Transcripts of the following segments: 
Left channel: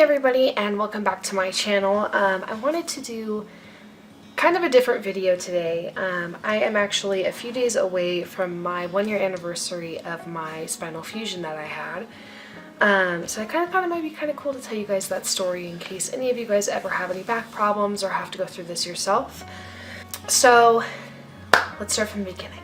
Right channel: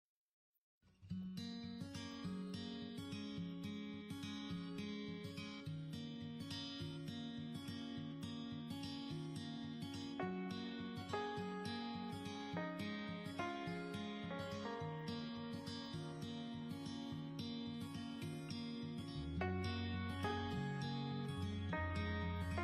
Hey everybody, and welcome back to my channel. I wanted to do kind of a different video today. I am actually a few days away from my 1-year anniversary of my spinal fusion that I had. So I kind of thought it might be kind of cool to tell you guys that story in case any of you guys ever have any back problems or have to go through this yourself. So let's start from the beginning.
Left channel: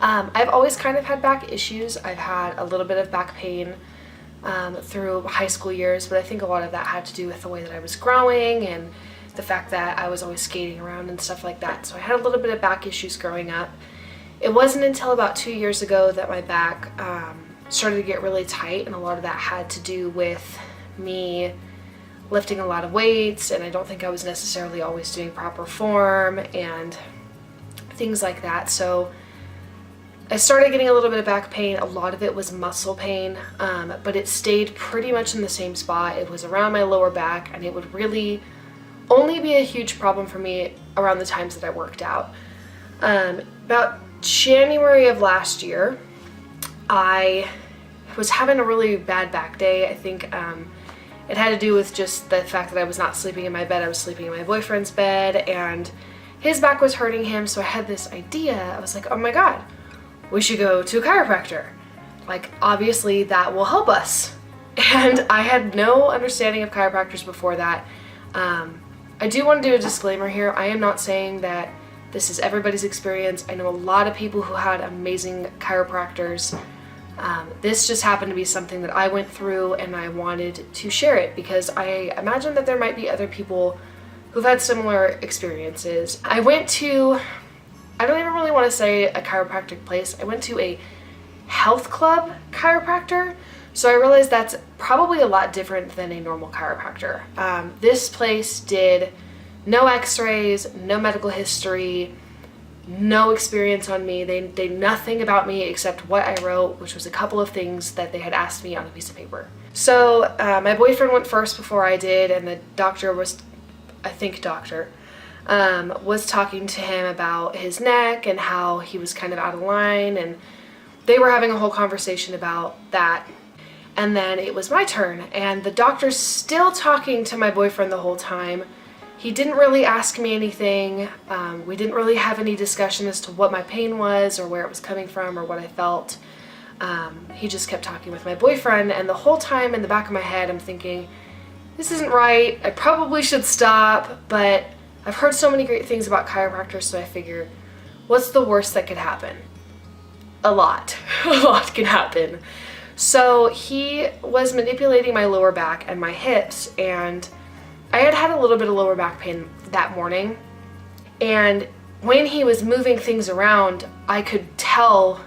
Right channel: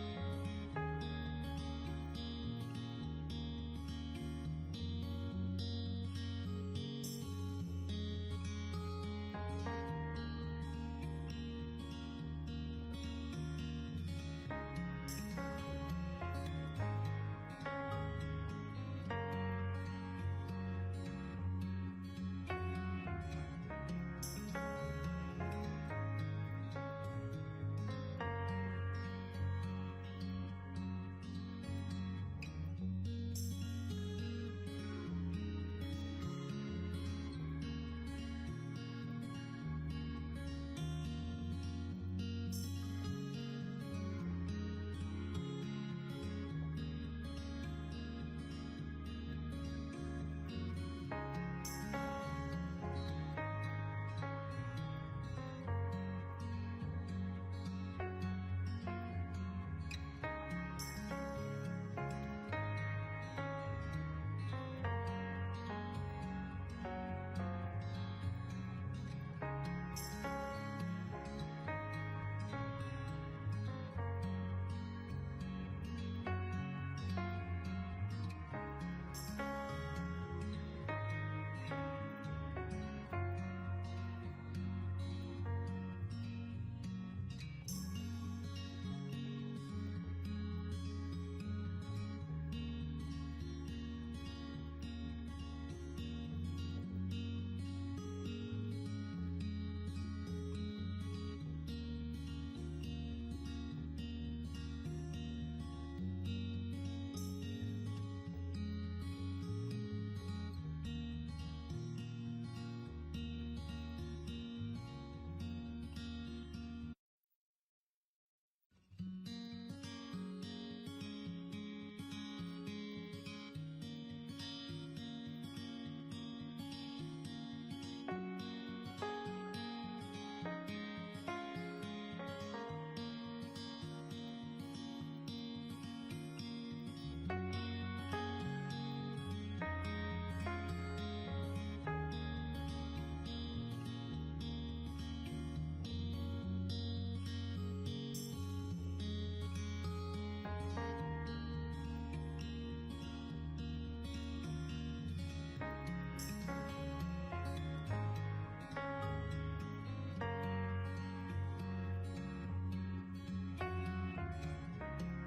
I've always kind of had back issues. I've had a little bit of back pain through high school years, but I think a lot of that had to do with the way that I was growing and the fact that I was always skating around and stuff like that. So I had a little bit of back issues growing up. It wasn't until about 2 years ago that my back started to get really tight, and a lot of that had to do with me lifting a lot of weights, and I don't think I was necessarily always doing proper form and things like that. So I started getting a little bit of back pain. A lot of it was muscle pain, but it stayed pretty much in the same spot. It was around my lower back, and it would really only be a huge problem for me around the times that I worked out. About January of last year, I was having a really bad back day. I think it had to do with just the fact that I was not sleeping in my bed. I was sleeping in my boyfriend's bed, and his back was hurting him, so I had this idea. I was like, oh my god, we should go to a chiropractor. Like, obviously that will help us. And I had no understanding of chiropractors before that. I do want to do a disclaimer here. I am not saying that this is everybody's experience. I know a lot of people who had amazing chiropractors. This just happened to be something that I went through, and I wanted to share it because I imagine that there might be other people who've had similar experiences. I went to, I don't even really want to say a chiropractic place. I went to a health club chiropractor, so I realized that's probably a lot different than a normal chiropractor. This place did no x-rays, no medical history, no experience on me. They did nothing about me except what I wrote, which was a couple of things that they had asked me on a piece of paper. So my boyfriend went first before I did, and the doctor was, I think doctor, was talking to him about his neck and how he was kind of out of line, and they were having a whole conversation about that. And then it was my turn, and the doctor's still talking to my boyfriend the whole time. He didn't really ask me anything. We didn't really have any discussion as to what my pain was or where it was coming from or what I felt. He just kept talking with my boyfriend, and the whole time in the back of my head I'm thinking, this isn't right, I probably should stop, but I've heard so many great things about chiropractors, so I figured, what's the worst that could happen? A lot. A lot can happen. So he was manipulating my lower back and my hips, and I had had a little bit of lower back pain that morning, and when he was moving things around, I could tell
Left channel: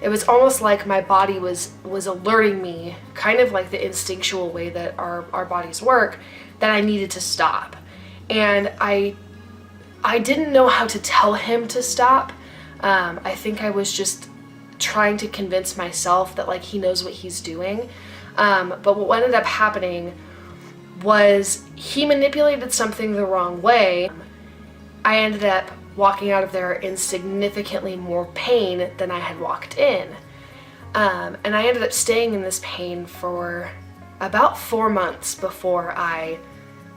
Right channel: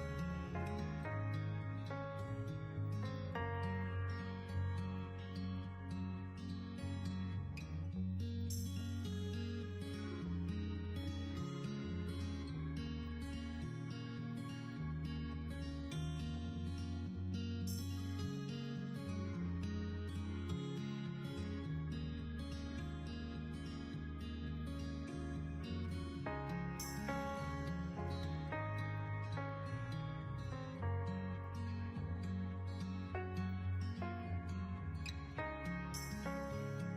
it was almost like my body was alerting me, kind of like the instinctual way that our bodies work, that I needed to stop. And I didn't know how to tell him to stop. I think I was just trying to convince myself that like he knows what he's doing. But what ended up happening was he manipulated something the wrong way. I ended up walking out of there in significantly more pain than I had walked in. And I ended up staying in this pain for about 4 months before I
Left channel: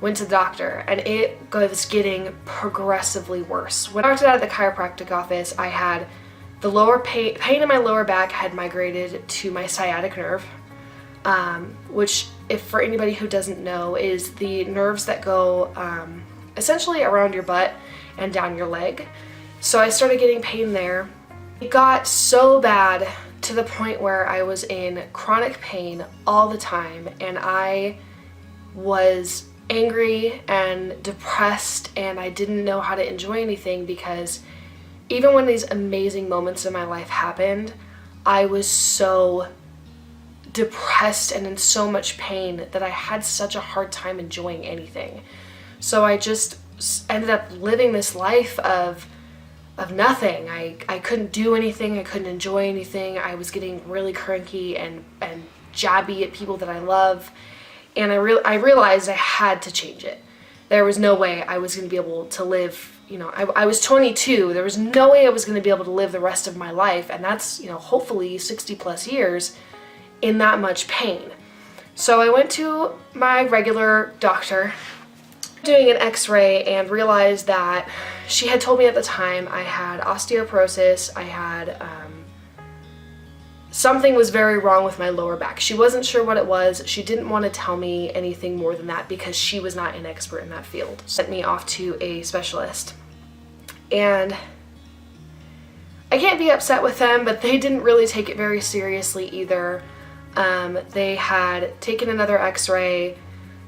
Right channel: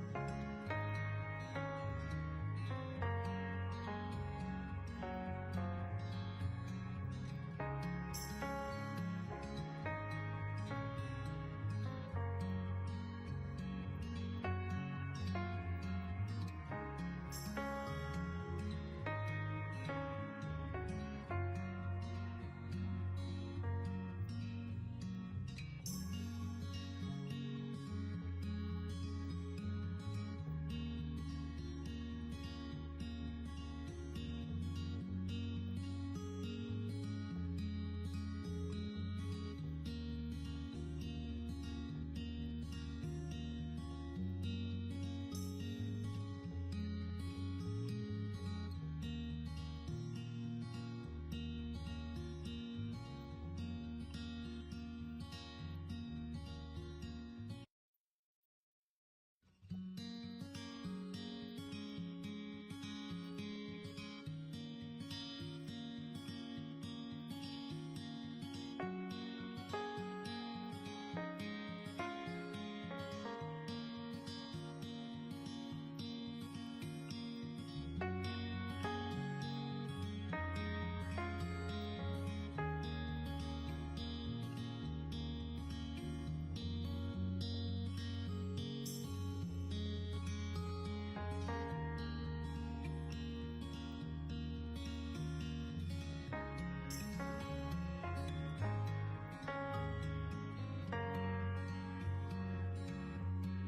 went to the doctor, and it was getting progressively worse. When I walked out of the chiropractic office, I had the lower pain in my lower back had migrated to my sciatic nerve, which, if for anybody who doesn't know, is the nerves that go essentially around your butt and down your leg. So I started getting pain there. It got so bad to the point where I was in chronic pain all the time, and I was angry and depressed, and I didn't know how to enjoy anything because even when these amazing moments in my life happened, I was so depressed and in so much pain that I had such a hard time enjoying anything. So I just ended up living this life of nothing. I couldn't do anything, I couldn't enjoy anything. I was getting really cranky and jabby at people that I love. And I realized I had to change it. There was no way I was going to be able to live, I was 22. There was no way I was going to be able to live the rest of my life, and that's, hopefully 60 plus years in that much pain. So I went to my regular doctor, doing an x-ray, and realized that she had told me at the time I had osteoporosis. I had something was very wrong with my lower back. She wasn't sure what it was. She didn't want to tell me anything more than that because she was not an expert in that field. Sent me off to a specialist. And I can't be upset with them, but they didn't really take it very seriously either. They had taken another x-ray,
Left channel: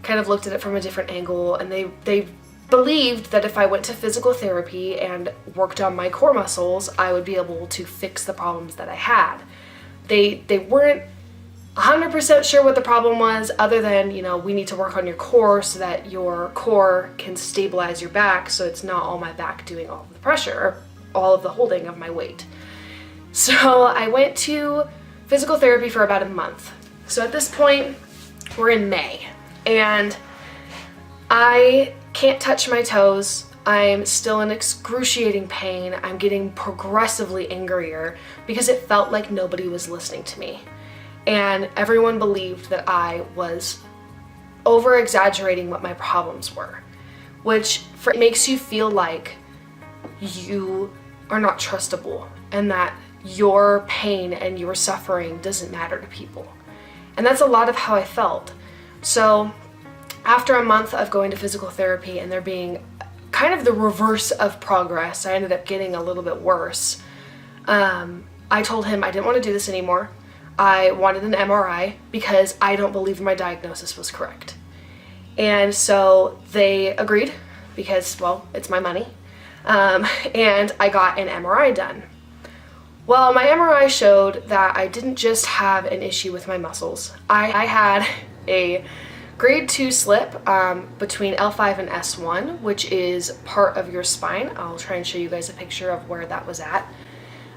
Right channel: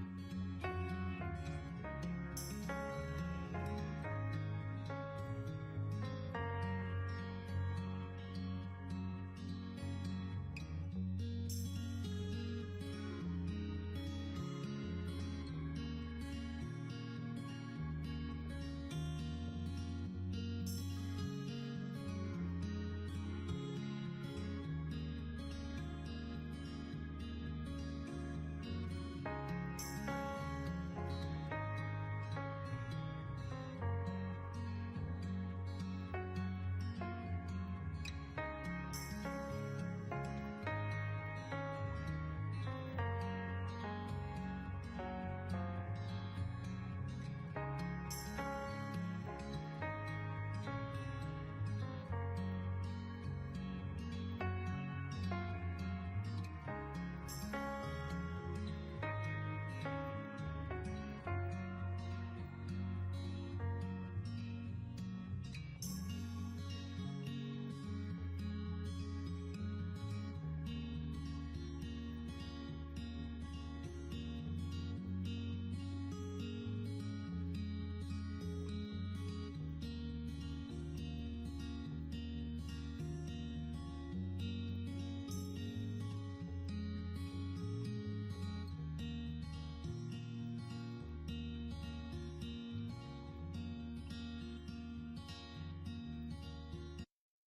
kind of looked at it from a different angle, and they believed that if I went to physical therapy and worked on my core muscles, I would be able to fix the problems that I had. They weren't 100% sure what the problem was, other than, you know, we need to work on your core so that your core can stabilize your back so it's not all my back doing all of the pressure, or all of the holding of my weight. So I went to physical therapy for about a month. So at this point, we're in May, and I can't touch my toes. I'm still in excruciating pain. I'm getting progressively angrier because it felt like nobody was listening to me. And everyone believed that I was over-exaggerating what my problems were, which makes you feel like you are not trustable and that your pain and your suffering doesn't matter to people. And that's a lot of how I felt. So after a month of going to physical therapy and there being kind of the reverse of progress, I ended up getting a little bit worse. I told him I didn't want to do this anymore. I wanted an MRI because I don't believe my diagnosis was correct. And so they agreed because, well, it's my money. And I got an MRI done. Well, my MRI showed that I didn't just have an issue with my muscles. I had a grade 2 slip between L5 and S1, which is part of your spine. I'll try and show you guys a picture of where that was at.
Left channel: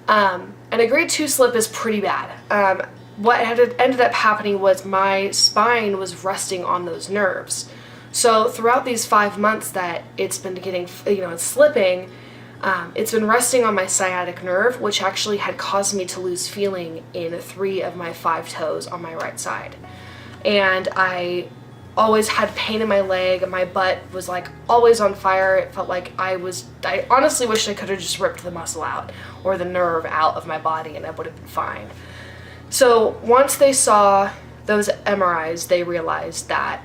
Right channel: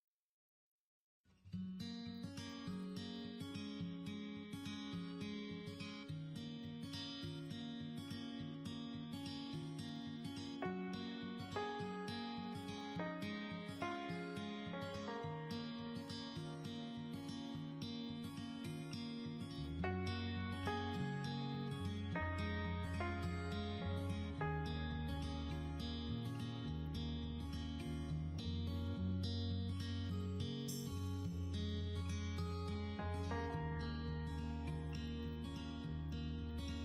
And a grade 2 slip is pretty bad. What had ended up happening was my spine was resting on those nerves. So throughout these 5 months that it's been getting, it's slipping, it's been resting on my sciatic nerve, which actually had caused me to lose feeling in 3 of my 5 toes on my right side. And I always had pain in my leg. My butt was like always on fire. It felt like I honestly wish I could have just ripped the muscle out or the nerve out of my body and I would have been fine. So once they saw those MRIs, they realized that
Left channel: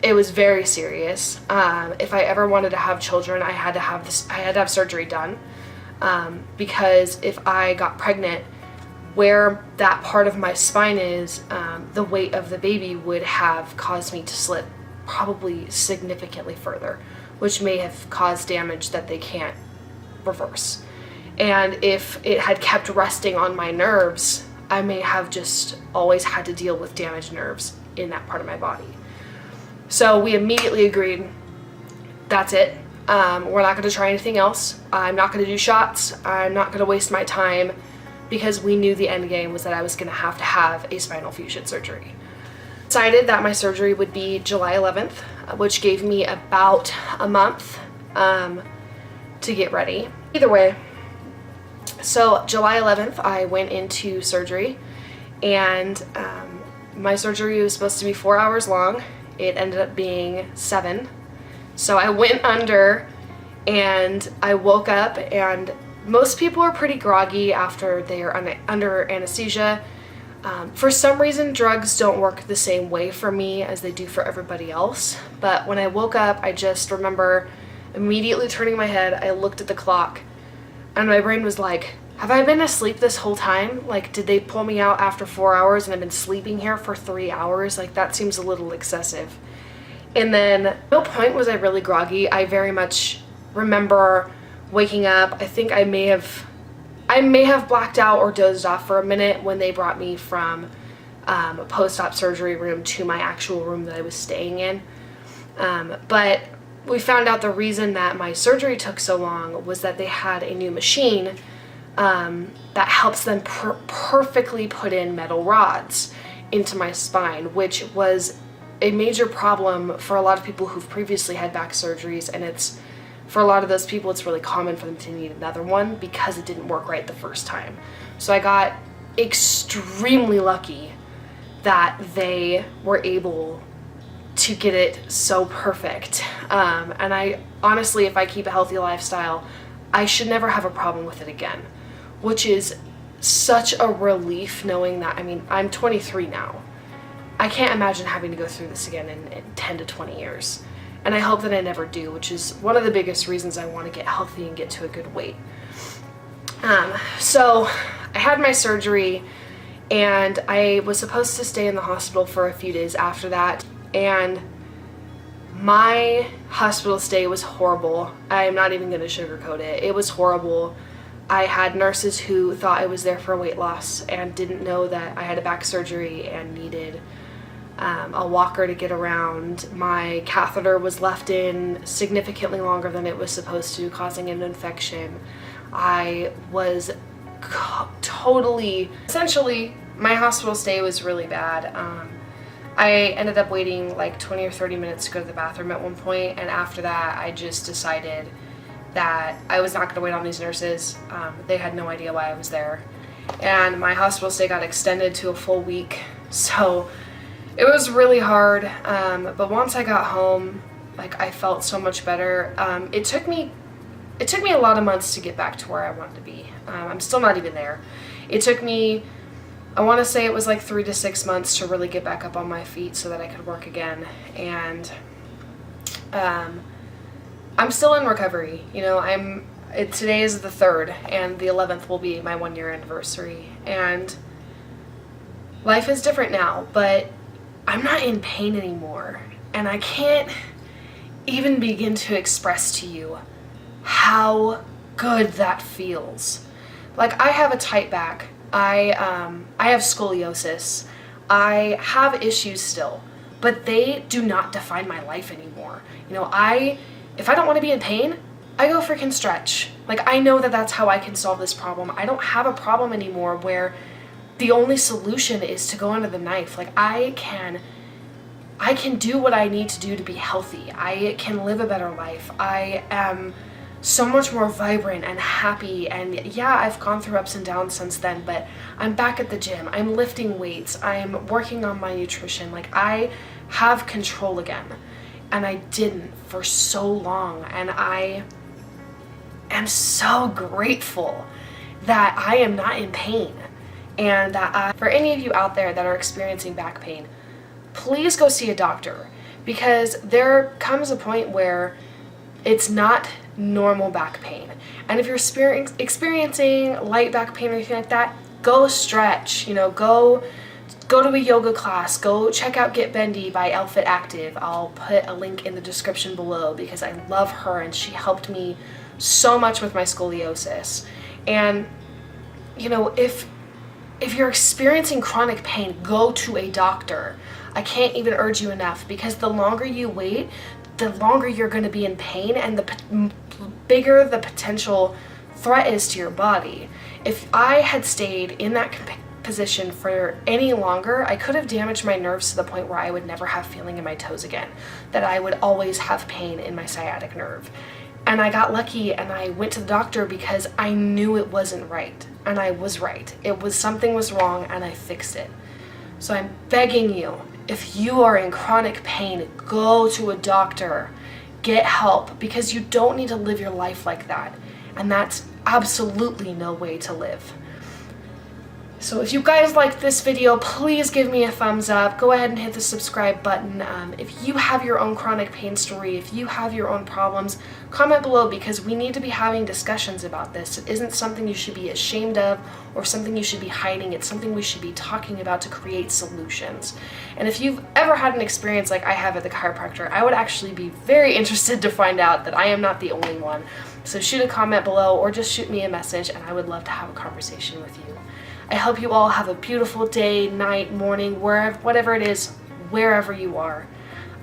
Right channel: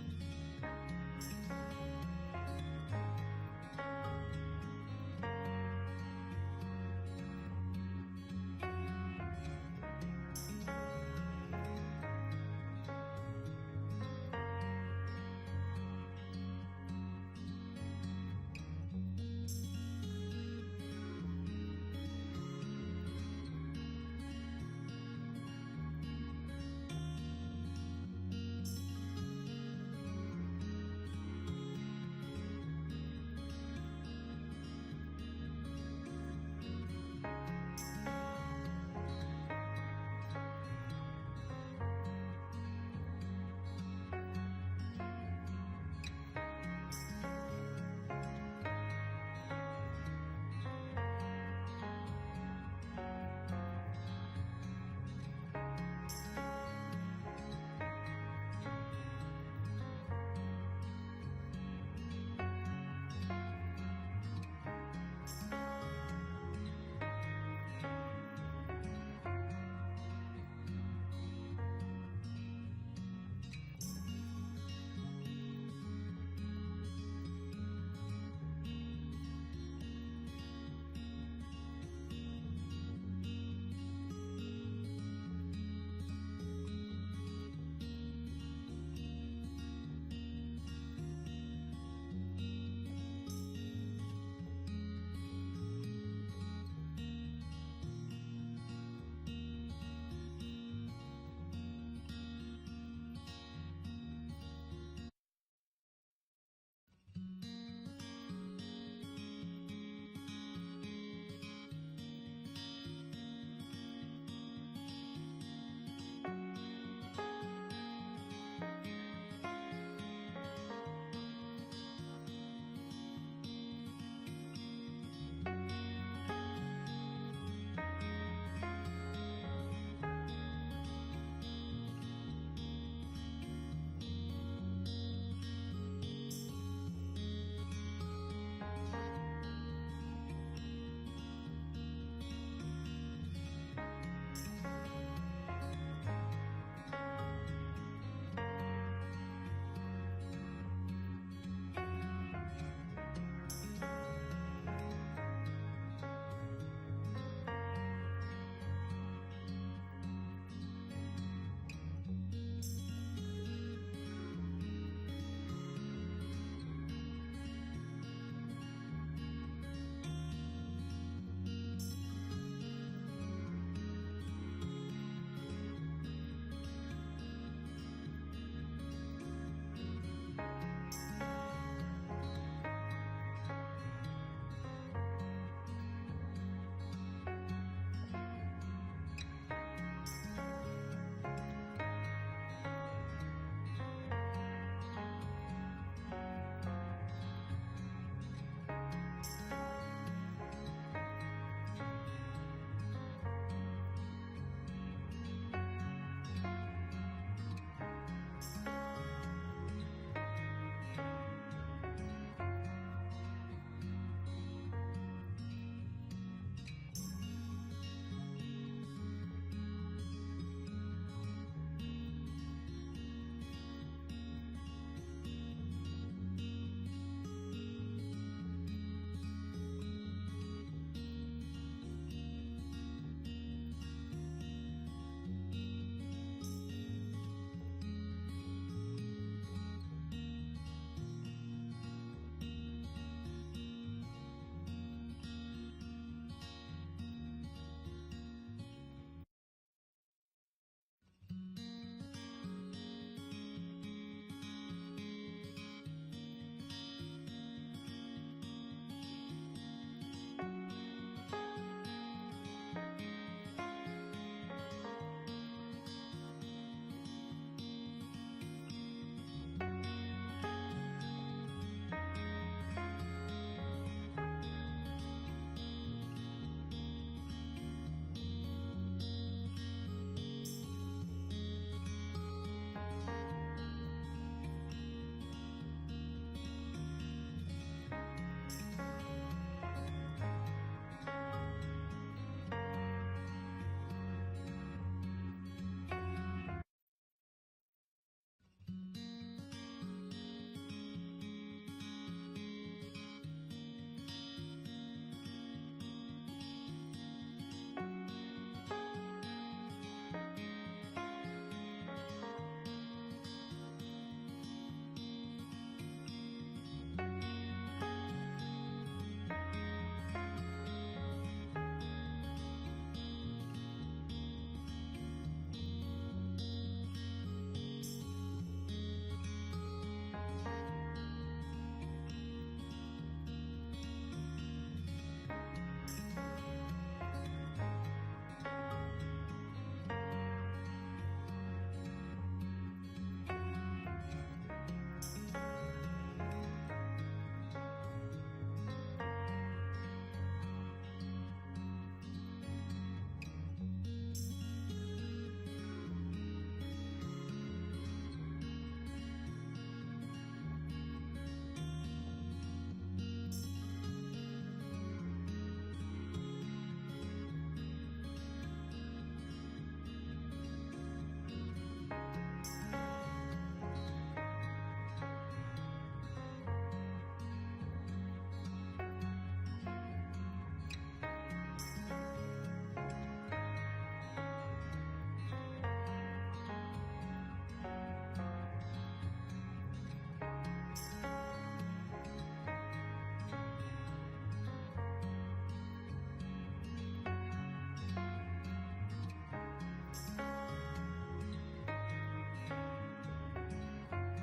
it was very serious. If I ever wanted to have children, I had to have surgery done, because if I got pregnant, where that part of my spine is, the weight of the baby would have caused me to slip probably significantly further, which may have caused damage that they can't reverse. And if it had kept resting on my nerves, I may have just always had to deal with damaged nerves in that part of my body. So we immediately agreed, that's it. We're not gonna try anything else. I'm not gonna do shots. I'm not gonna waste my time, because we knew the end game was that I was gonna have to have a spinal fusion surgery. Decided that my surgery would be July 11th, which gave me about a month to get ready. Either way, so July 11th, I went into surgery, and my surgery was supposed to be 4 hours long. It ended up being 7. So I went under and I woke up, and most people are pretty groggy after they are under anesthesia. For some reason, drugs don't work the same way for me as they do for everybody else. But when I woke up, I just remember immediately turning my head. I looked at the clock and my brain was like, have I been asleep this whole time? Like, did they pull me out after 4 hours and I've been sleeping here for 3 hours? Like, that seems a little excessive. And then, at no point was I really groggy. I very much remember waking up. I think I may have blacked out or dozed off for a minute when they brought me from a post-op surgery room to my actual room that I was staying in. But we found out the reason that my surgery took so long was that they had a new machine that helps them perfectly put in metal rods into my spine, which was a major problem for a lot of people who've previously had back surgeries, and for a lot of those people, it's really common for them to need another one because it didn't work right the first time. So I got extremely lucky that they were able to get it so perfect. And I honestly, if I keep a healthy lifestyle, I should never have a problem with it again, which is such a relief knowing that. I mean, I'm 23 now. I can't imagine having to go through this again in 10 to 20 years. And I hope that I never do, which is one of the biggest reasons I want to get healthy and get to a good weight. So I had my surgery and I was supposed to stay in the hospital for a few days after that. And my hospital stay was horrible. I'm not even going to sugarcoat it. It was horrible. I had nurses who thought I was there for weight loss and didn't know that I had a back surgery and needed a walker to get around. My catheter was left in significantly longer than it was supposed to, causing an infection. I was essentially, my hospital stay was really bad. I ended up waiting like 20 or 30 minutes to go to the bathroom at one point, and after that I just decided that I was not going to wait on these nurses. They had no idea why I was there. And my hospital stay got extended to a full week, so it was really hard. But once I got home, like, I felt so much better. It took me a lot of months to get back to where I wanted to be. I'm still not even there. It took me, I want to say it was like 3 to 6 months to really get back up on my feet so that I could work again. And I'm still in recovery. You know, today is the 3rd, and the 11th will be my 1-year anniversary. And life is different now, but I'm not in pain anymore. And I can't even begin to express to you how good that feels. Like, I have a tight back. I have scoliosis. I have issues still, but they do not define my life anymore. You know, if I don't want to be in pain, I go freaking stretch. Like, I know that that's how I can solve this problem. I don't have a problem anymore where the only solution is to go under the knife. Like, I can do what I need to do to be healthy. I can live a better life. I am so much more vibrant and happy, and yeah, I've gone through ups and downs since then, but I'm back at the gym. I'm lifting weights. I'm working on my nutrition. Like, I have control again, and I didn't for so long, and I am so grateful that I am not in pain. And that for any of you out there that are experiencing back pain, please go see a doctor, because there comes a point where it's not normal back pain. And if you're experiencing light back pain or anything like that, go stretch. You know, go to a yoga class. Go check out Get Bendy by Elle Fit Active. I'll put a link in the description below because I love her and she helped me so much with my scoliosis. And you know, if you're experiencing chronic pain, go to a doctor. I can't even urge you enough, because the longer you wait, the longer you're going to be in pain, and the bigger the potential threat is to your body. If I had stayed in that position for any longer, I could have damaged my nerves to the point where I would never have feeling in my toes again, that I would always have pain in my sciatic nerve. And I got lucky and I went to the doctor because I knew it wasn't right, and I was right. Something was wrong, and I fixed it. So I'm begging you, if you are in chronic pain, go to a doctor, get help, because you don't need to live your life like that. And that's absolutely no way to live. So if you guys liked this video, please give me a thumbs up. Go ahead and hit the subscribe button. If you have your own chronic pain story, if you have your own problems, comment below, because we need to be having discussions about this. It isn't something you should be ashamed of or something you should be hiding. It's something we should be talking about to create solutions. And if you've ever had an experience like I have at the chiropractor, I would actually be very interested to find out that I am not the only one. So shoot a comment below or just shoot me a message, and I would love to have a conversation with you. I hope you all have a beautiful day, night, morning, whatever it is, wherever you are.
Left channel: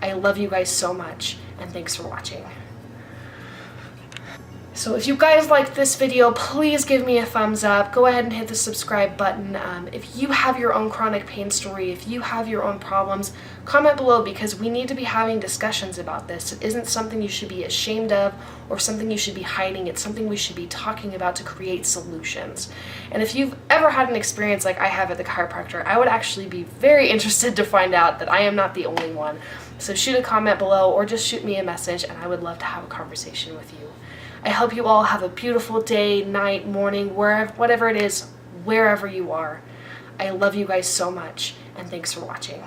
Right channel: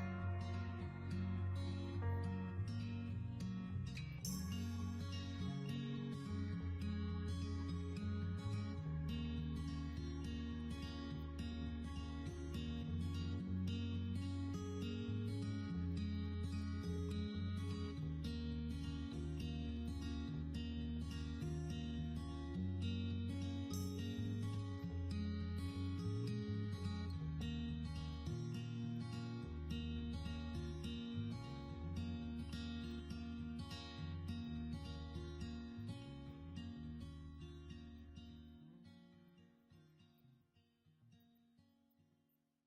I love you guys so much, and thanks for watching. So if you guys liked this video, please give me a thumbs up. Go ahead and hit the subscribe button. If you have your own chronic pain story, if you have your own problems, comment below, because we need to be having discussions about this. It isn't something you should be ashamed of or something you should be hiding. It's something we should be talking about to create solutions. And if you've ever had an experience like I have at the chiropractor, I would actually be very interested to find out that I am not the only one. So shoot a comment below or just shoot me a message, and I would love to have a conversation with you. I hope you all have a beautiful day, night, morning, wherever, whatever it is, wherever you are. I love you guys so much, and thanks for watching.